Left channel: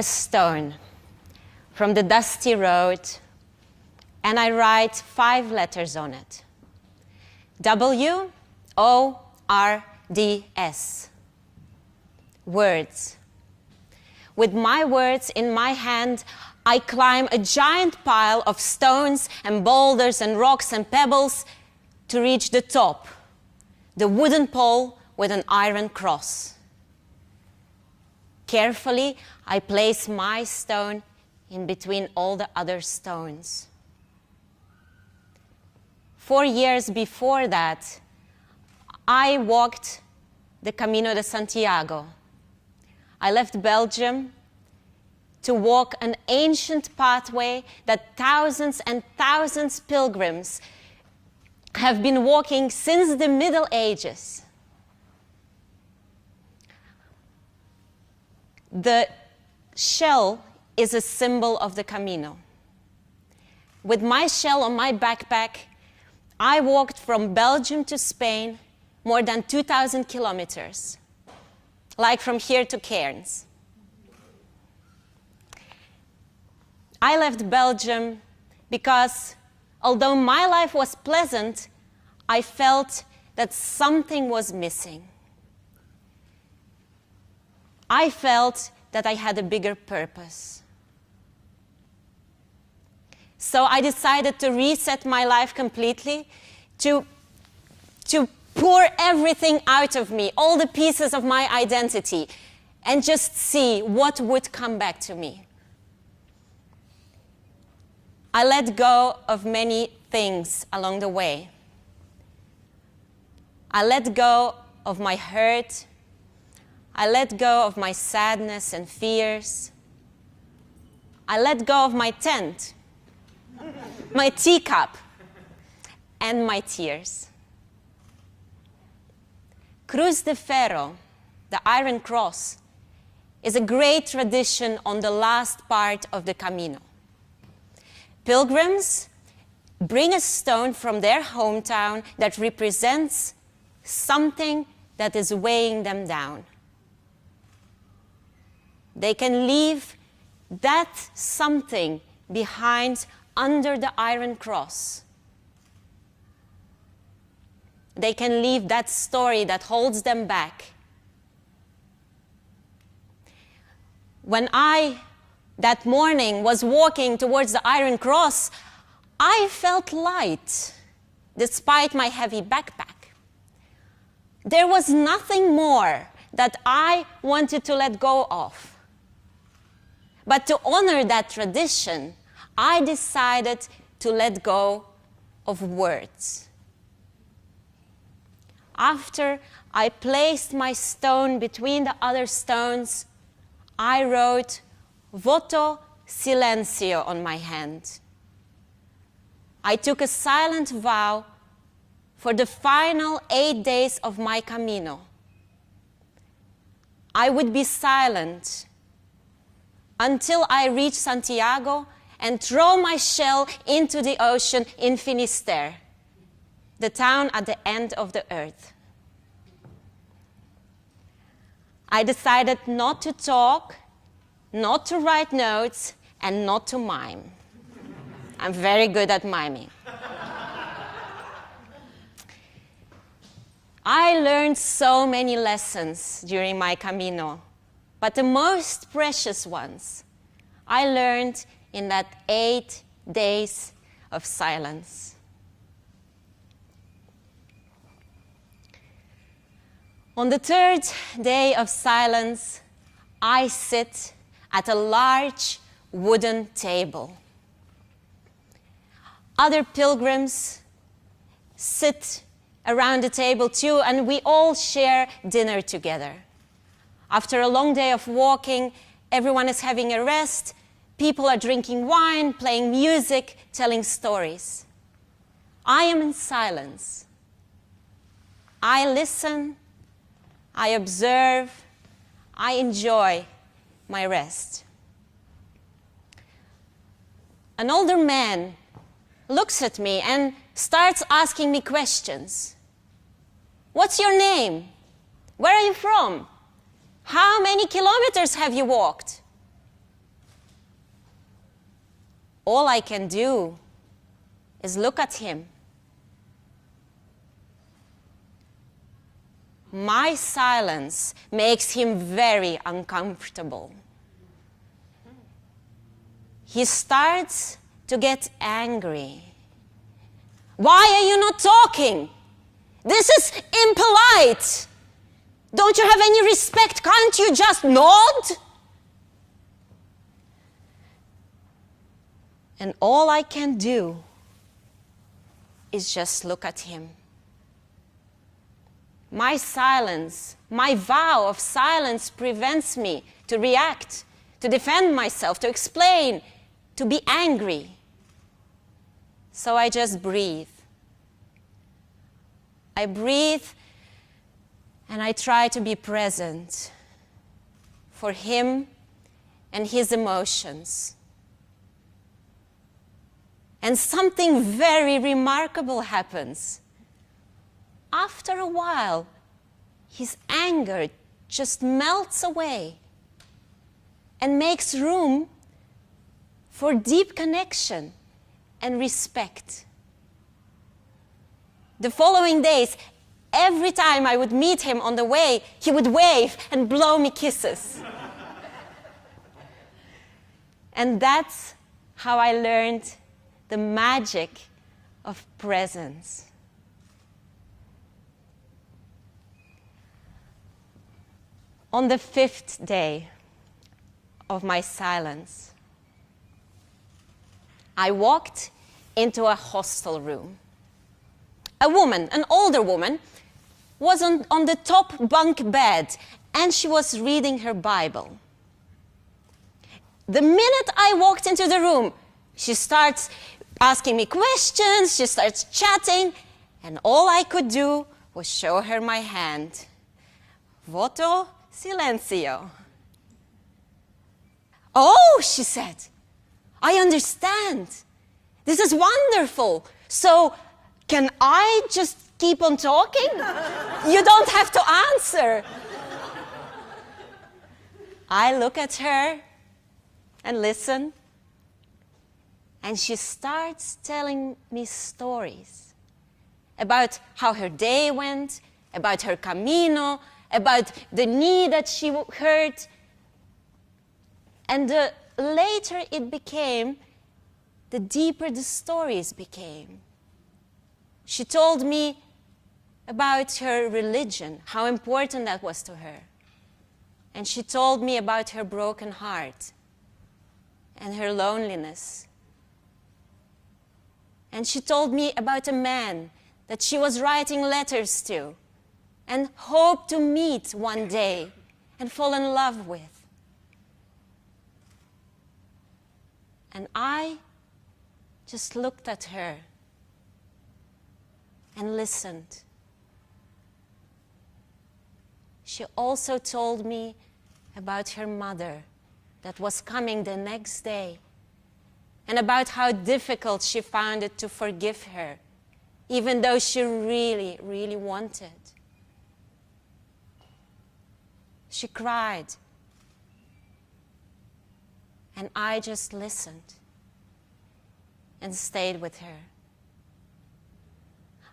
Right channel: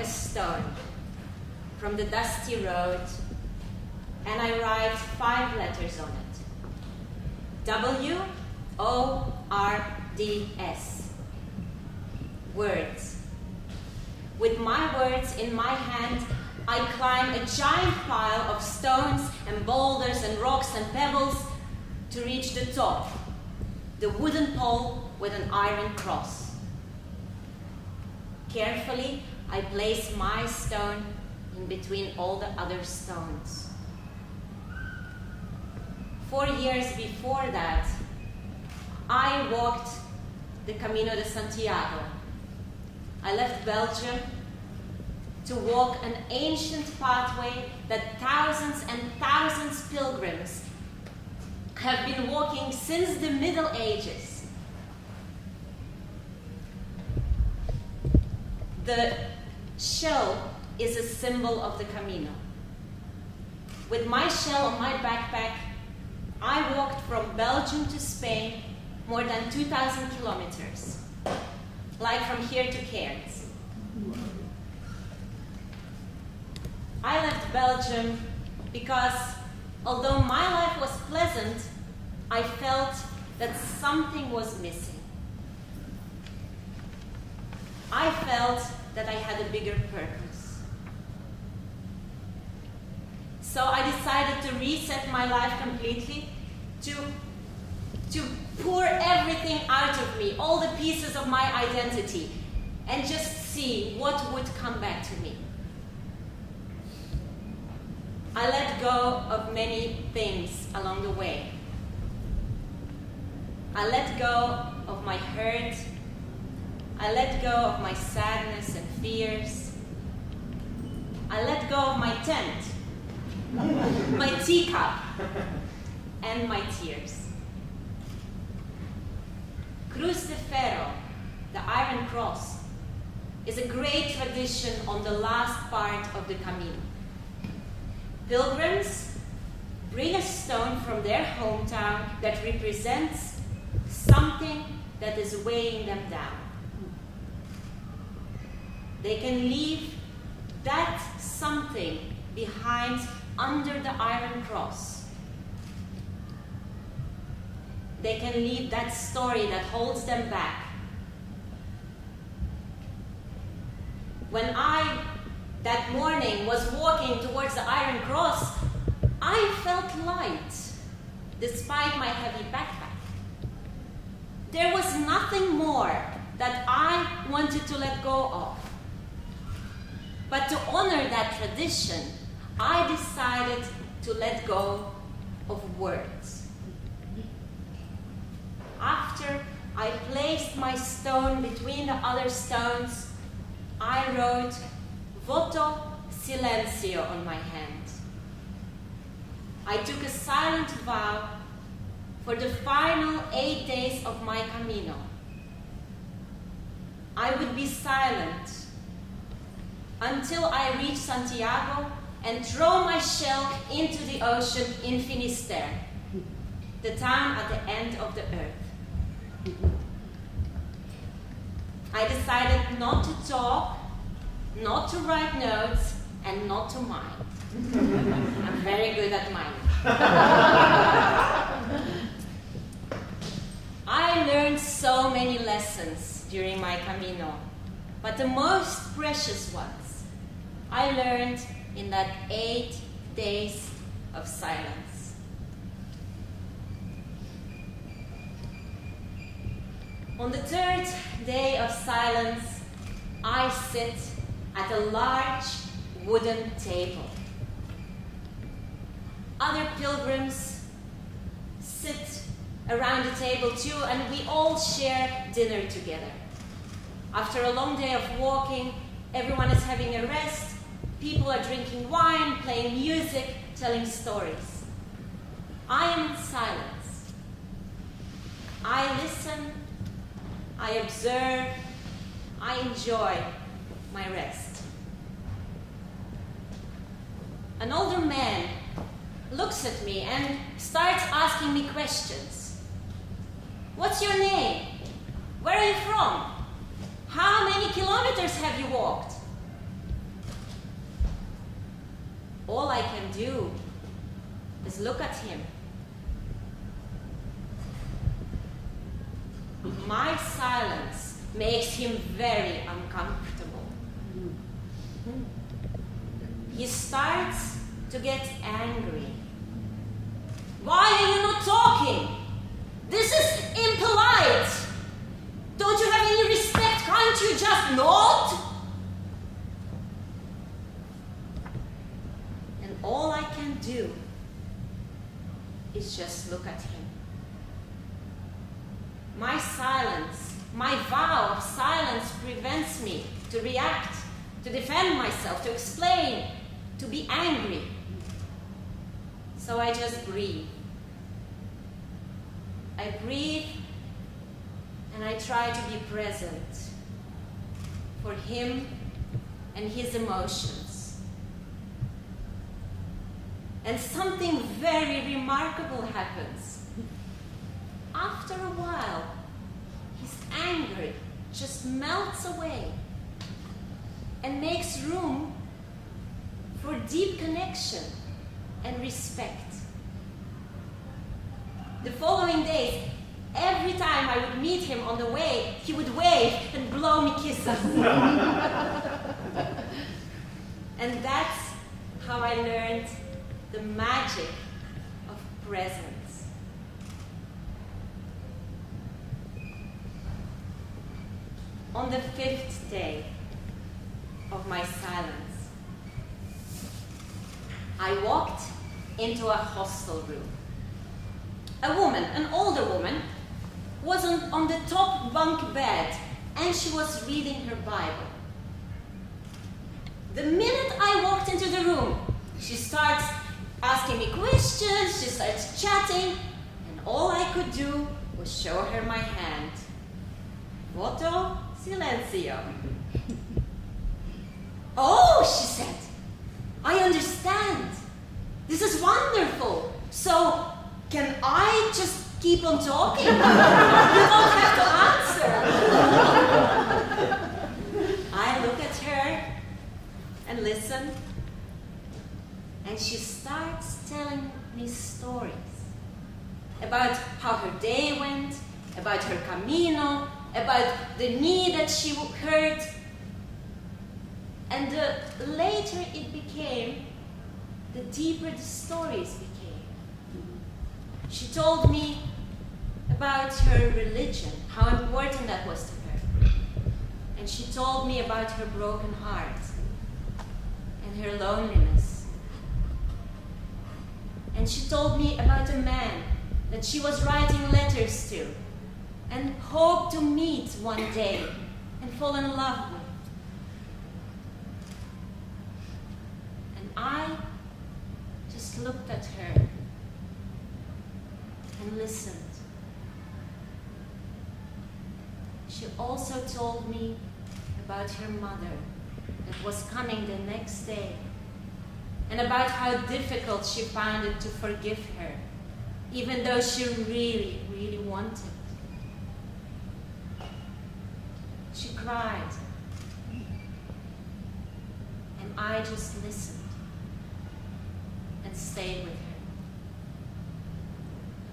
a stone from the dusty road and I write 5 letters on it. W-O-R-D-S. Words. With my words in my hand, I climb a giant pile of stones and boulders and rocks and pebbles to reach the top, the wooden pole with an iron cross. Carefully, I place my stone in between all the other stones. 4 years before that, I walked the Camino de Santiago. I left Belgium to walk an ancient pathway that thousands and thousands of pilgrims have been walking since the Middle Ages. The shell is a symbol of the Camino. With my shell on my backpack, I walked from Belgium to Spain more than 2,000 kilometers, like from here to Cairns. I left Belgium because although my life was pleasant, I felt that something was missing. I felt that I had a bigger purpose. So I decided to reset my life completely, to pour everything out of me, all the pieces of my identity, and just see what would come back to me. I let go of many things along the way. I let go of my hurt. I let go of my sadness and fears. I let go of my tent, my teacup, and my tears. Cruz de Ferro, the Iron Cross, is a great tradition on the last part of the Camino. Pilgrims bring a stone from their hometown that represents something that is weighing them down. They can leave that something behind under the iron cross. They can leave that story that holds them back. When I, that morning, was walking towards the iron cross, I felt light, despite my heavy backpack. There was nothing more that I wanted to let go of. But to honor that tradition, I decided to let go of words. After I placed my stone between the other stones, I wrote Voto Silencio on my hand. I took a silent vow for the final 8 days of my Camino. I would be silent until I reach Santiago and throw my shell into the ocean in Finisterre, the town at the end of the earth. I decided not to talk, not to write notes, and not to mime. I'm very good at miming. I learned so many lessons during my Camino, but the most precious ones I learned in that 8 days of silence. On the 3rd day of silence, I sit at a large wooden table. Other pilgrims sit around the table too, and we all share dinner together. After a long day of walking, everyone is having a rest. People are drinking wine, playing music, telling stories. I am in silence. I listen, I observe, I enjoy my rest. An older man looks at me and starts asking me questions. What's your name? Where are you from? How many kilometers have you walked? all I can do is look at him. My silence makes him very uncomfortable. He starts to get angry. Why are you not talking? This is impolite. Don't you have any respect? Can't you just nod? And all I can do is just look at him. My silence, my vow of silence prevents me to react, to defend myself, to explain, to be angry. So I just breathe. I breathe and I try to be present for him and his emotions. And something very remarkable happens. After a while, his anger just melts away and makes room for deep connection and respect. The following days, every time I would meet him on the way, he would wave and blow me kisses. And that's how I learned the magic of presence. On the 5th day of my silence, I walked into a hostel room. A woman, an older woman, was on the top bunk bed and she was reading her Bible. The minute I walked into the room, she starts asking me questions, she starts chatting, and all I could do was show her my hand. Voto silencio. Oh, she said, I understand. This is wonderful. So, can I just keep on talking? You don't have to answer. I look at her and listen, and she starts telling me stories about how her day went, about her Camino, about the knee that she hurt. And the later it became, the deeper the stories became. She told me about her religion, how important that was to her. And she told me about her broken heart and her loneliness. And she told me about a man that she was writing letters to and hoped to meet one day and fall in love with. And I just looked at her and listened. She also told me about her mother that was coming the next day, and about how difficult she found it to forgive her, even though she really, really wanted. She cried, and I just listened and stayed with her.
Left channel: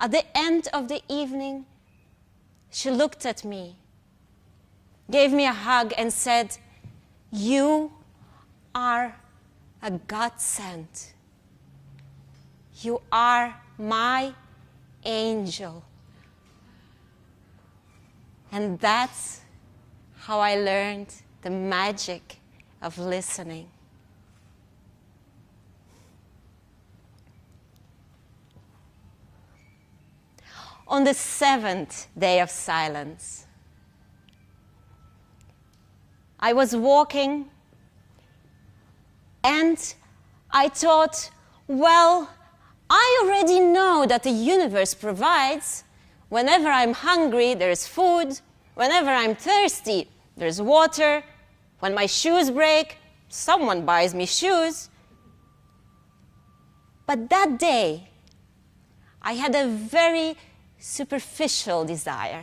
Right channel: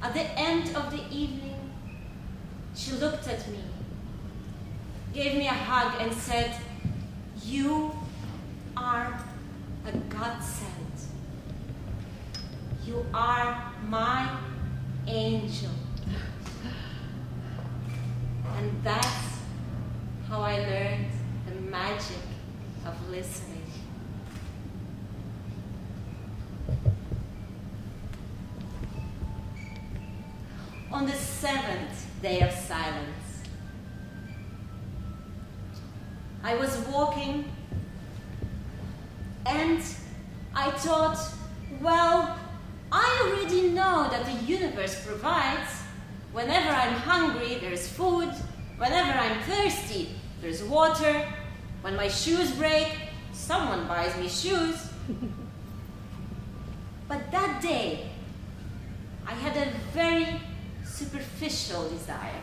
At the end of the evening, she looked at me, gave me a hug and said, "You are a godsend. You are my angel." And that's how I learned the magic of listening. On the 7th day of silence, I was walking and I thought, well, I already know that the universe provides. Whenever I'm hungry, there's food. Whenever I'm thirsty, there's water. When my shoes break, someone buys me shoes. But that day, I had a very superficial desire.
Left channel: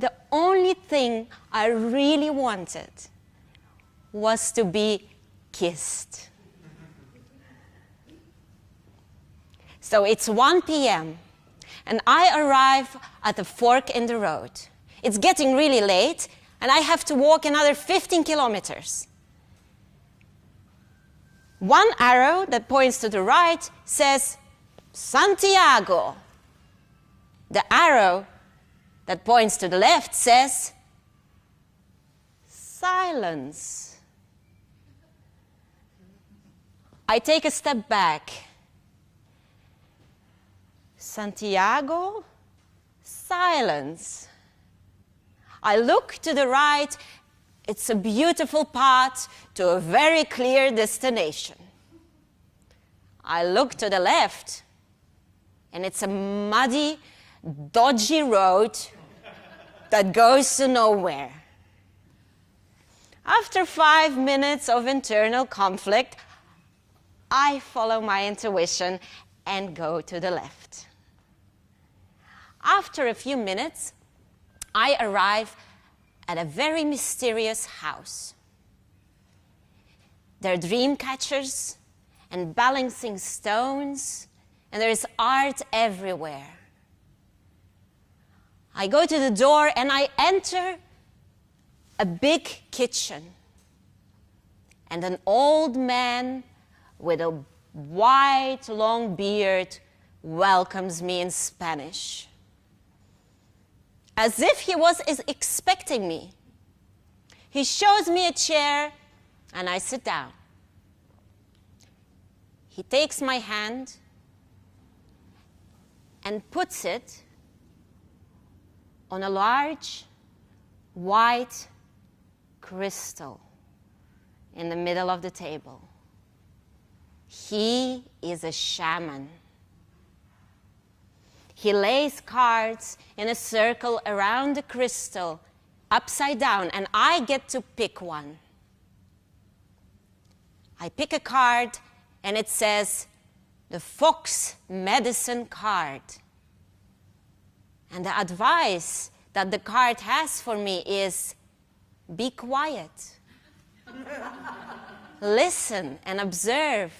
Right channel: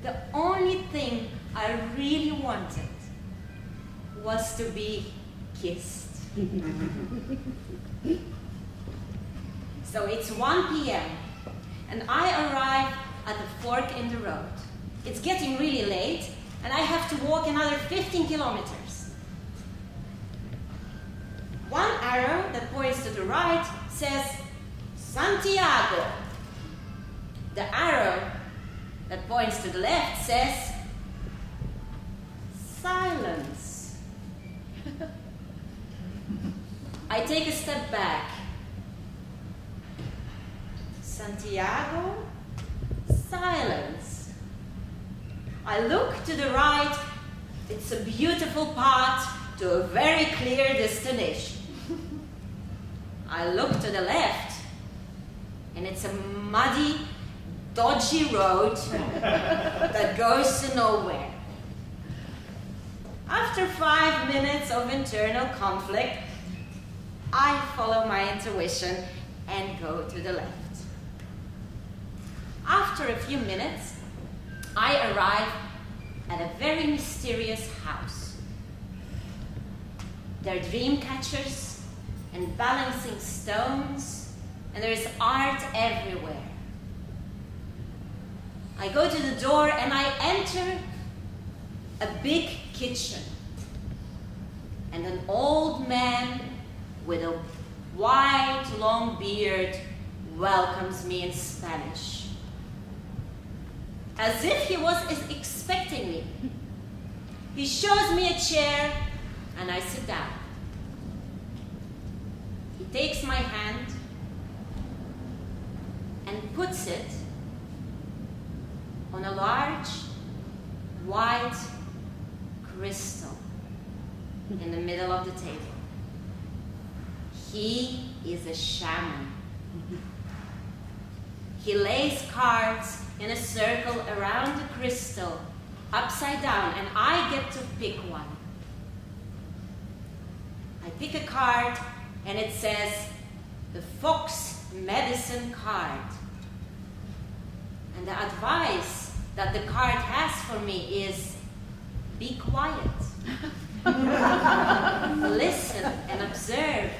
The only thing I really wanted was to be kissed. So it's 1 p.m. and I arrive at the fork in the road. It's getting really late and I have to walk another 15 kilometers. One arrow that points to the right says Santiago. The arrow that points to the left says silence. I take a step back. Santiago, silence. I look to the right. It's a beautiful path to a very clear destination. I look to the left, and it's a muddy, dodgy road that goes to nowhere. After 5 minutes of internal conflict, I follow my intuition and go to the left. After a few minutes, I arrive at a very mysterious house. There are dream catchers and balancing stones, and there's art everywhere. I go to the door and I enter a big kitchen. And an old man with a white, long beard welcomes me in Spanish, as if he was expecting me. He shows me a chair and I sit down. He takes my hand and puts it on a large white crystal in the middle of the table. He is a shaman. He lays cards in a circle around the crystal, upside down, and I get to pick one. I pick a card, and it says, the Fox Medicine card. And the advice that the card has for me is, be quiet. Listen and observe,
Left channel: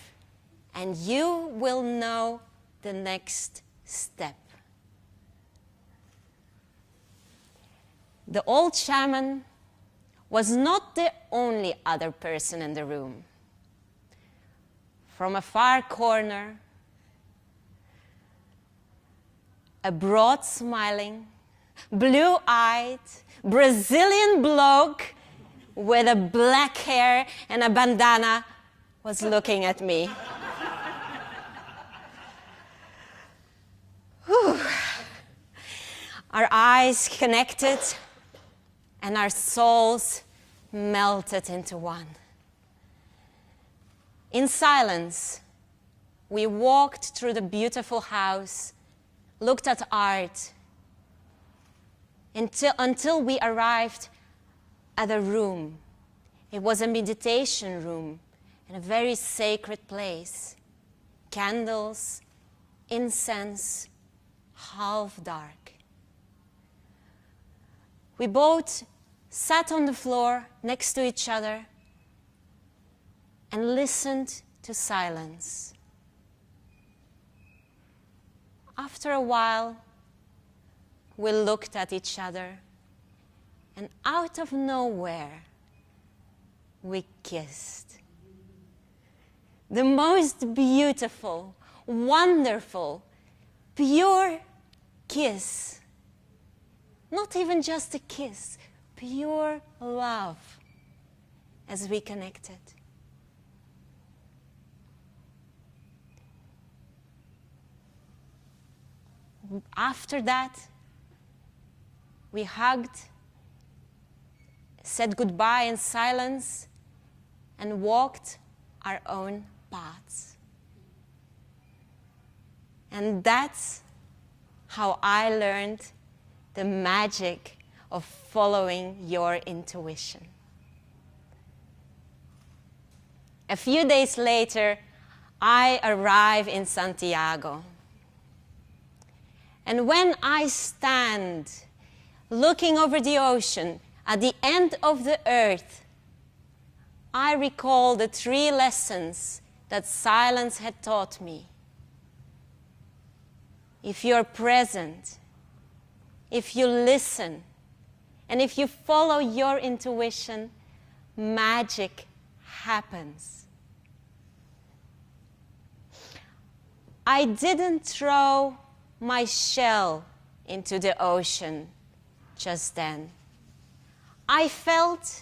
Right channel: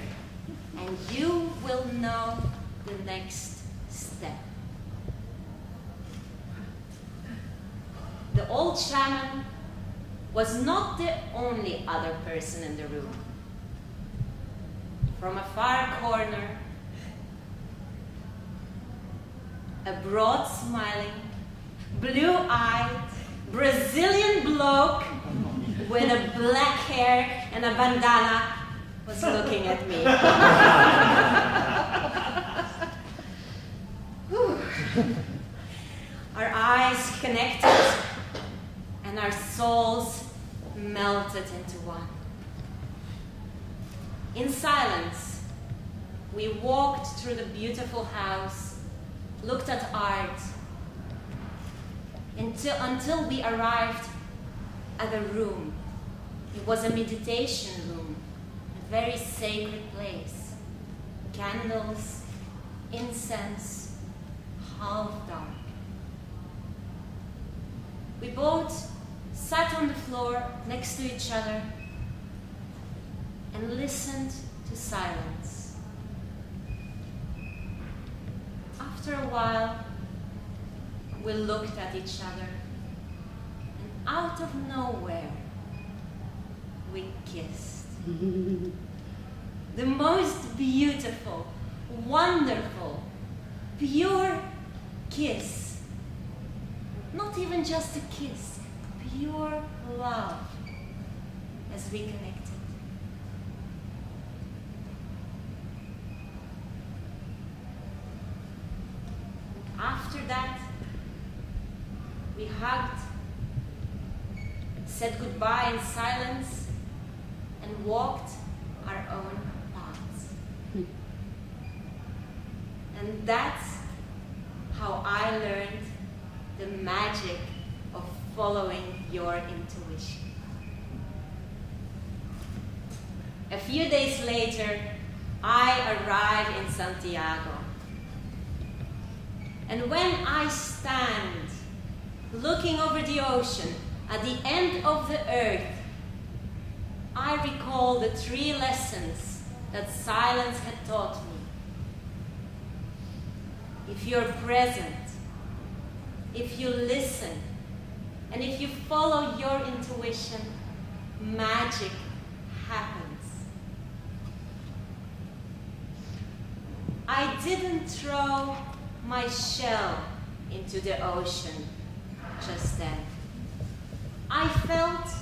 and you will know the next step. The old shaman was not the only other person in the room. From a far corner, a broad smiling, blue-eyed Brazilian bloke with a black hair and a bandana was looking at me. Our eyes connected and our souls melted into one. In silence, we walked through the beautiful house, looked at art, until we arrived at a room. It was a meditation room, a very sacred place. Candles, incense, half dark. We both sat on the floor next to each other and listened to silence. After a while, we looked at each other, and out of nowhere, we kissed. The most beautiful, wonderful, pure kiss. Not even just a kiss, pure love as we connected. And after that, we hugged, said goodbye in silence, and walked our own paths. And that's how I learned the magic of following your intuition. A few days later, I arrive in Santiago. And when I stand looking over the ocean at the end of the earth, I recall the 3 lessons that silence had taught me. If you're present, if you listen, and if you follow your intuition, magic happens. I didn't throw my shell into the ocean just then. I felt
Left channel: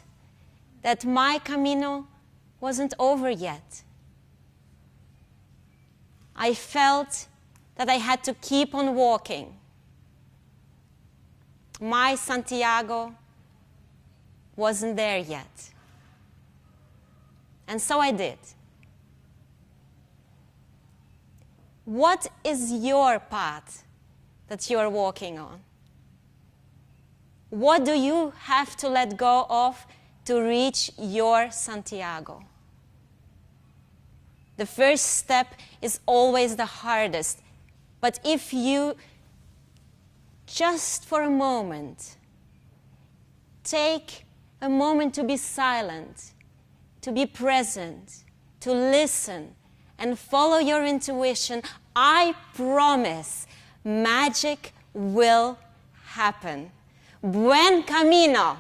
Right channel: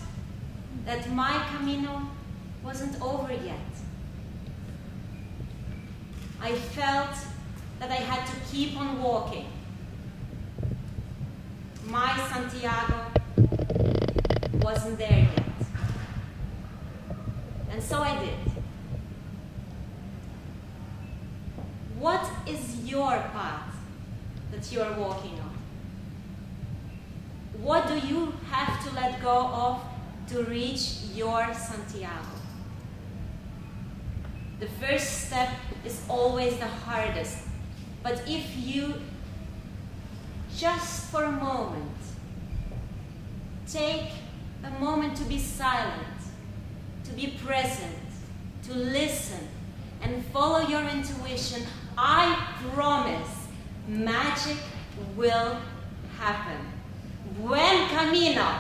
that my Camino wasn't over yet. I felt that I had to keep on walking. My Santiago wasn't there yet. And so I did. What is your path that you are walking on? What do you have to let go of to reach your Santiago? The first step is always the hardest. But if you, just for a moment, take a moment to be silent, to be present, to listen, and follow your intuition, I promise magic will happen. Buen camino!